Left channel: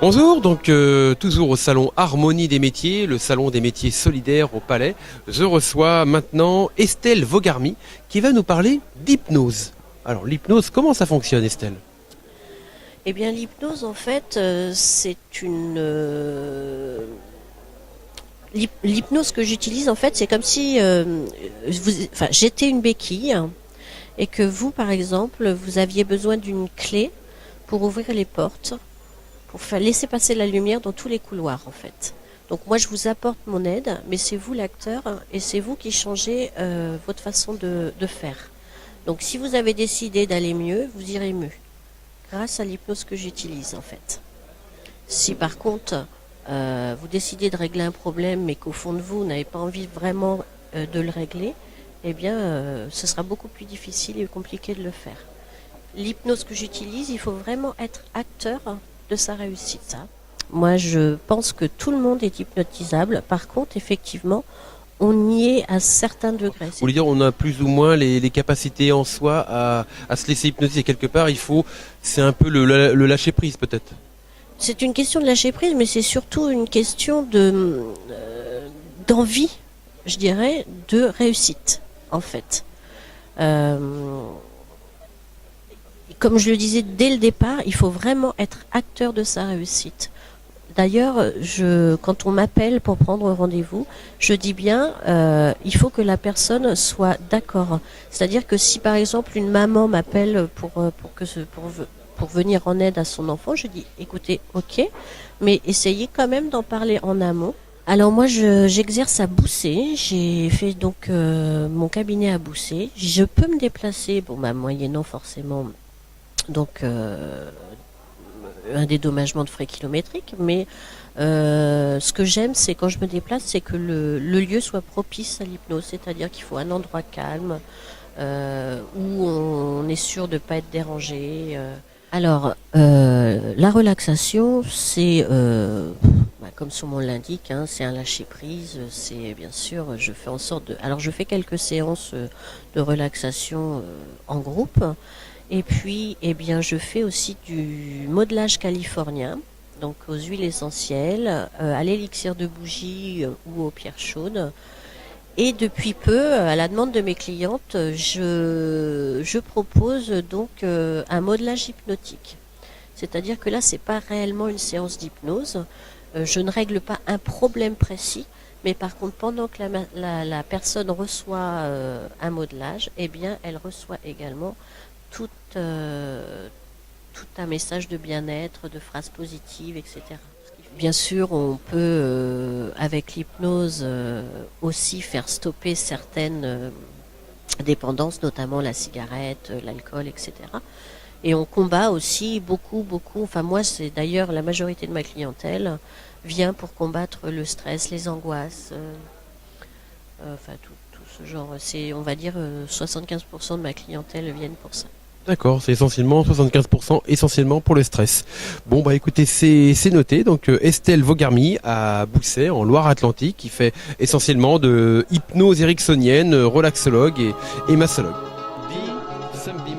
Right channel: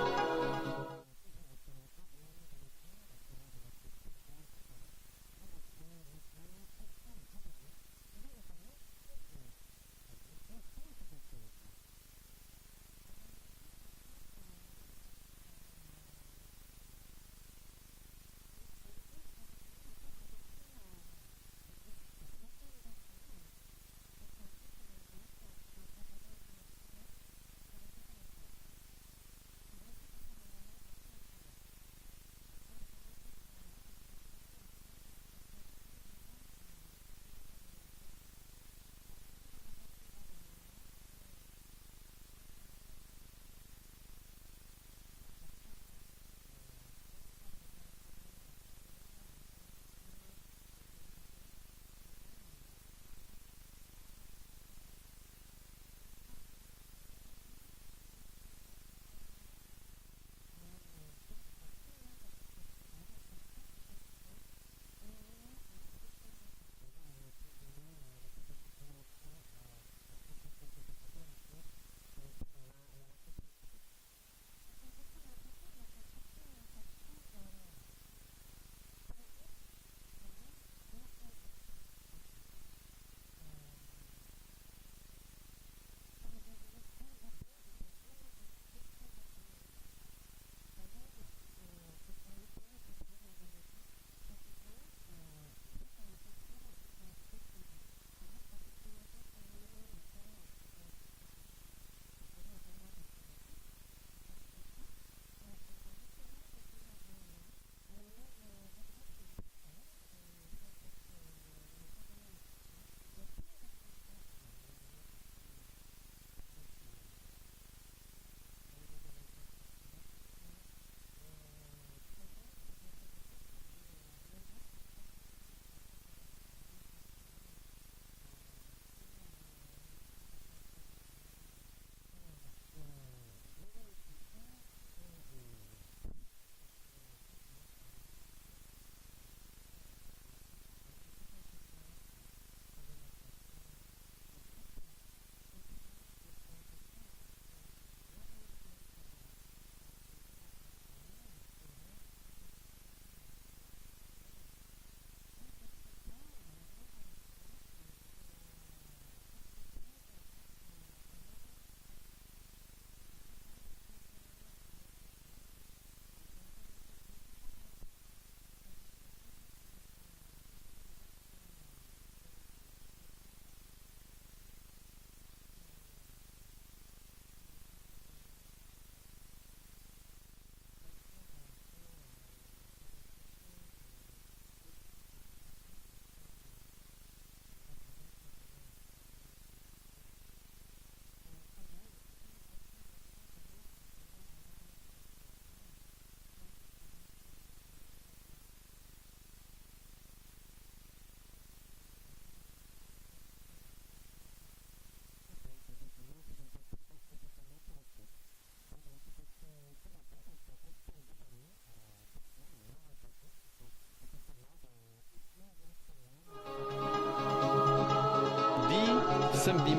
Bonjour, donc toujours au salon Harmonie des métiers, le salon des métiers solidaires au Palais. Je reçois maintenant Estelle Vogarmy qui va nous parler d'hypnose. Alors l'hypnose, comment ça fonctionne Estelle? Eh bien, l'hypnose, en fait, c'est une. L'hypnose que j'utilise, en fait, c'est comme si enfin, j'étais une béquille et que vous, par exemple, vous aviez besoin d'une clé pour ouvrir les portes, pour faire laisser passer la lumière dans tous les couloirs, en fait. Donc moi, je vous apporte mon aide, mais c'est vous l'acteur et c'est vous qui changez votre façon de faire. Donc si vous avez décidé d'aller mieux, vous irez mieux grâce à l'hypnose que j'utilise en fait. Si par contre vous décidez de régler un problème mais qu'au fond de vous, vous n'avez pas envie vraiment de le régler, eh bien ce sera beaucoup plus difficile et compliqué de le faire. L'hypnose que j'utilise, il faut vraiment être acteur de sa réussite. Moi je pense que tout le monde est hypnotisable. Par contre, effectivement, on y est à certains degrés. Vous voulez dire on a plus ou moins les capacités en soi à se laisser hypnotiser quelque part, c'est un peu le lâcher prise peut-être. C'est une question de lâcher prise, mais c'est surtout une question de d'envie, je dirais, de réussite, en fait. Euh, Comme je le disais dès le départ, il faut vraiment être acteur de sa réussite. D'ailleurs, quand on m'appelle pour prendre rendez-vous, je dis bien, il faut que la personne soit d'accord. C'est-à-dire que si par exemple une maman m'appelle pour venir en aide à son enfant, je dis, écoutez, ok, mais essayez quand même d'en parler en amont. Alors moi, j'exerce à Boussé. J'ai fait donc mon cabinet à Boussé. Je peux me déplacer, bon, bah, moyennant forcément donc un dédommagement de frais kilométriques, mais ce que j'aime, c'est quand je me déplace, c'est que le lieu soit propice à l'hypnose, c'est-à-dire qu'il faut un endroit calme, où on est sûr de ne pas être dérangé. Alors, la relaxation, c'est, comme son nom l'indique, hein, c'est un lâcher-prise, c'est bien sûr, je fais en sorte de... Alors, je fais quelques séances de relaxation en groupe, et puis, eh bien, je fais aussi du modelage californien, donc aux huiles essentielles, à l'élixir de bougie ou aux pierres chaudes. Et depuis peu, à la demande de mes clientes, je propose donc un modelage hypnotique. C'est-à-dire que là, c'est pas réellement une séance d'hypnose. Je ne règle pas un problème précis, mais par contre, pendant que la personne reçoit un modelage, eh bien, elle reçoit également tout, tout un message de bien-être, de phrases positives, etc. Bien sûr, on peut, avec l'hypnose, aussi faire stopper certaines dépendances, notamment la cigarette, l'alcool, etc. Et on combat aussi beaucoup, beaucoup. Enfin, moi, c'est d'ailleurs la majorité de ma clientèle vient pour combattre le stress, les angoisses, enfin tout ce genre. C'est, on va dire, 75% de ma clientèle viennent pour ça. D'accord, c'est essentiellement 75% essentiellement pour le stress. Bon bah écoutez, c'est noté. Donc Estelle Vogarmy à Boussay en Loire-Atlantique qui fait essentiellement de hypnose ericksonienne, relaxologue et massologue. Dit samedi